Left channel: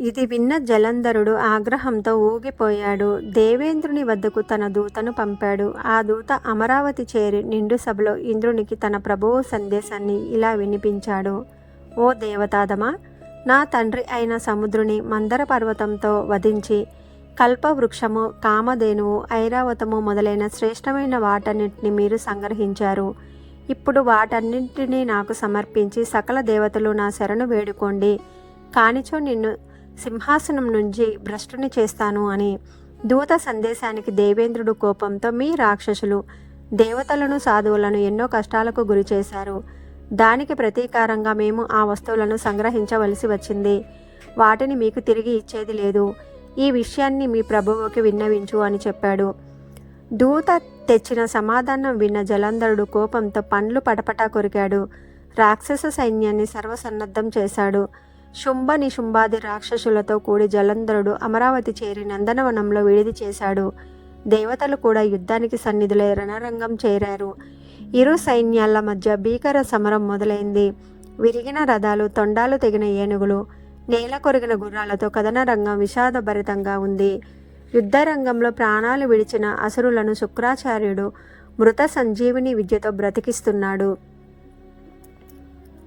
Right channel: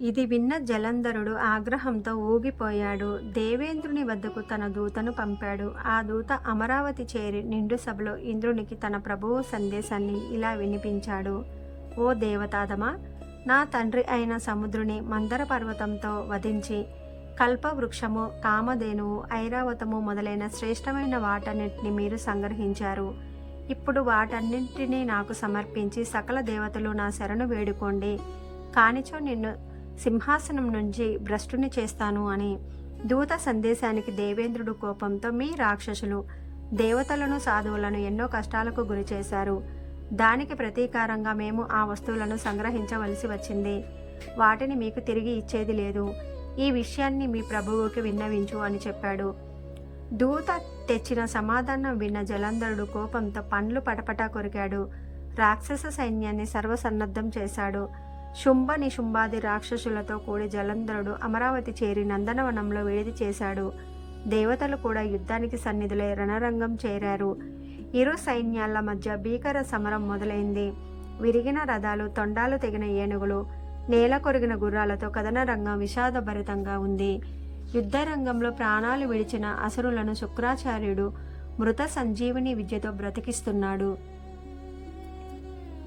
ఇది విన్న జలంధరుడు ఆగ్రహంతో ఊగిపోయాడు. దేవేంద్రుని వద్దకు తన దూతను పంపాడు. ఆ దూత అమరావతి చేరి నిండు సభలో ఇంద్రునికి తన ప్రభువు సందేశాన్ని ఇలా వినిపించాడు. ఓ దేవతాదమా నా తండ్రి అయిన సముద్రుని మందర పర్వతంతో వధించి కల్పవృక్షము కామధేనువు ఐరావతము మొదలైన శ్రేష్టమైన వాటన్నిటిని మీరు సంగ్రహించారు. ఇప్పుడు వాటన్నింటినీ నాకు సమర్పించి సకల దేవతలు నా శరణు వేడుకోండి. కానిచో నిన్ను సింహాసనం నుంచి భ్రష్టుని చేస్తాను అని దూత సందేశానికి దేవేంద్రుడు కోపంతో మీ రాక్షసులు దేవతలను సాధువులను ఎన్నో కష్టాలకు గురి చేశారు. దానికి ప్రతీకారంగా మేము ఆ వస్తువులను సంగ్రహించవలసి వచ్చింది. వాటిని మీకు తిరిగి ఇచ్చేది లేదు. ఈ విషయాన్ని మీ ప్రభువుకి విన్నవించు అని చెప్పాడు. దూత తెచ్చిన సమాధానం విన్న జలంధరుడు కోపంతో పండ్లు పటపటా కొరికాడు. రాక్షస సైన్యాన్ని సర్వసన్నద్ధం చేశాడు. శుంభ నిశుంభాది రాక్షసులతో కూడి జలంధరుడు అమరావతి చేరి నందనవనంలో విడిది చేశాడు. దేవతలు కూడా యుద్ధానికి సన్నిధులై రణరంగం చేరారు. ఇరు సైన్యాల మధ్య భీకర సమరం మొదలైంది. విరిగిన రథాలు తొండాలు తెగిన ఏనుగులు నేల కొరిగిన గుర్రాలతో కథనరంగం విషాదభరితంగా ఉంది. యుద్ధరంగంలో ప్రాణాలు విడిచిన అసురులను శుక్రాచార్యుడు మృత సంజీవిని విద్యతో బ్రతికిస్తున్నాడు.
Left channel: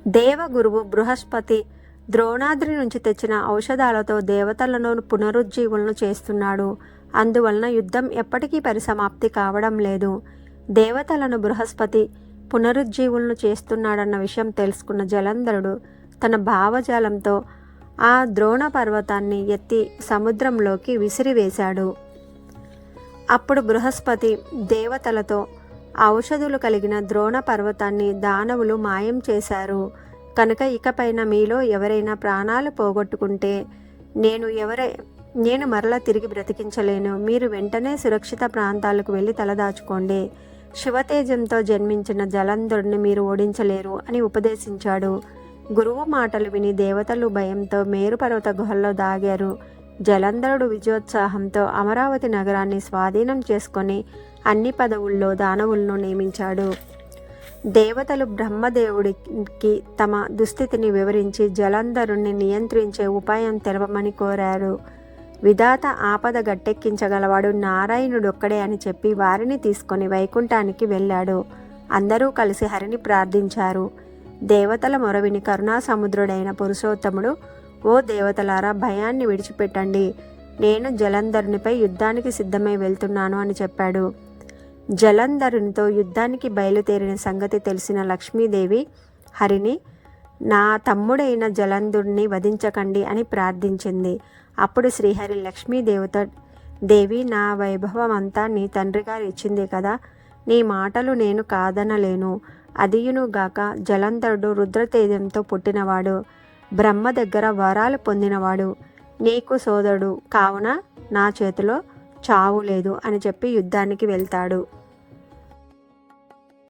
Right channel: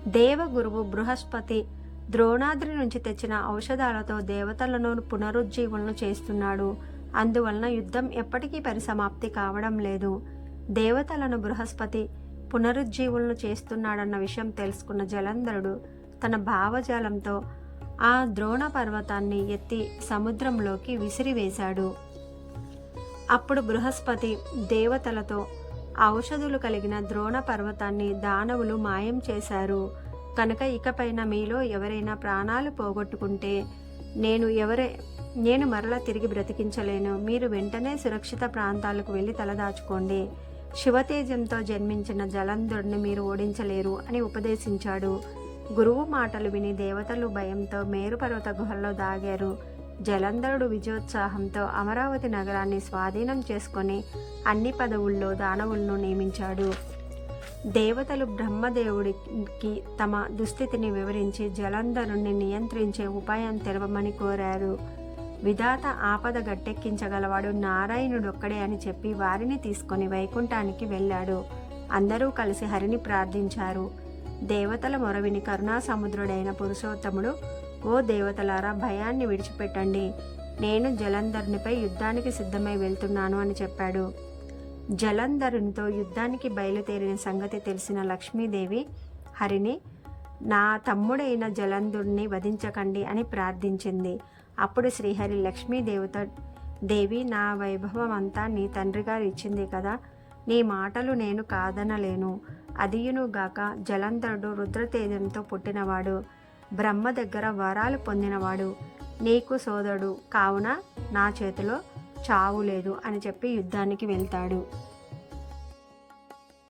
దేవగురువు బృహస్పతి ద్రోణాద్రి నుంచి తెచ్చిన ఔషధాలతో దేవతలను పునరుజ్జీవులను చేస్తున్నాడు. అందువలన యుద్ధం ఎప్పటికీ పరిసమాప్తి కావడం లేదు. దేవతలను బృహస్పతి పునరుజ్జీవులను చేస్తున్నాడన్న విషయం తెలుసుకున్న జలంధరుడు తన భావజాలంతో ఆ ద్రోణ పర్వతాన్ని ఎత్తి సముద్రంలోకి విసిరివేశాడు. అప్పుడు బృహస్పతి దేవతలతో ఔషధులు కలిగిన ద్రోణ పర్వతాన్ని దానవులు మాయం చేశారు. కనుక ఇకపైన మీలో ఎవరైనా ప్రాణాలు పోగొట్టుకుంటే నేను ఎవరై నేను మరలా తిరిగి బ్రతికించలేను. మీరు వెంటనే సురక్షిత ప్రాంతాలకు వెళ్ళి తలదాచుకోండి శివతేజంతో జన్మించిన జలంధరుడిని మీరు ఓడించలేరు అని ఉపదేశించాడు. గురువు మాటలు విని దేవతలు భయంతో మేరుపర్వత గుహల్లో దాగారు. జలంధరుడు విజయోత్సాహంతో అమరావతి నగరాన్ని స్వాధీనం చేసుకొని అన్ని పదవుల్లో దానవులను నియమించాడు. దేవతలు బ్రహ్మదేవుడికి తమ దుస్థితిని వివరించి జలంధరుణ్ణి నియంత్రించే ఉపాయం తెలపమని కోరారు. విధాత ఆపద గట్టెక్కించగలవాడు నారాయణుడొక్కడే అని చెప్పి వారిని తీసుకొని వైకుంఠానికి వెళ్ళాడు. అందరూ కలిసి హరిని ప్రార్థించారు. దేవతల మొరవిని కరుణాసముద్రుడైన పురుషోత్తముడు ఓ దేవతలారా భయాన్ని విడిచిపెట్టండి. నేను జలంధరునిపై యుద్ధానికి సిద్ధమై వెళ్తున్నాను అని చెప్పాడు. జలంధరునితో యుద్ధానికి బయలుదేరిన సంగతి తెలిసిన లక్ష్మీదేవి హరిని నా తమ్ముడైన జలంధుడిని వధించకండి అని ప్రార్థించింది. అప్పుడు శ్రీహరి లక్ష్మీదేవితో దేవి నా వైభవం అంతా నీ తండ్రి గారు ఇచ్చింది కదా నీ మాటలు నేను కాదనలేను. అదియునుగాక జలంధరుడు రుద్రతేజంతో పుట్టినవాడు బ్రహ్మ దగ్గర వరాలు పొందినవాడు నీకు సోదరుడు. కావున నా చేతిలో చావు లేదు అని చెప్పి యుద్ధానికి వెళ్తాడు.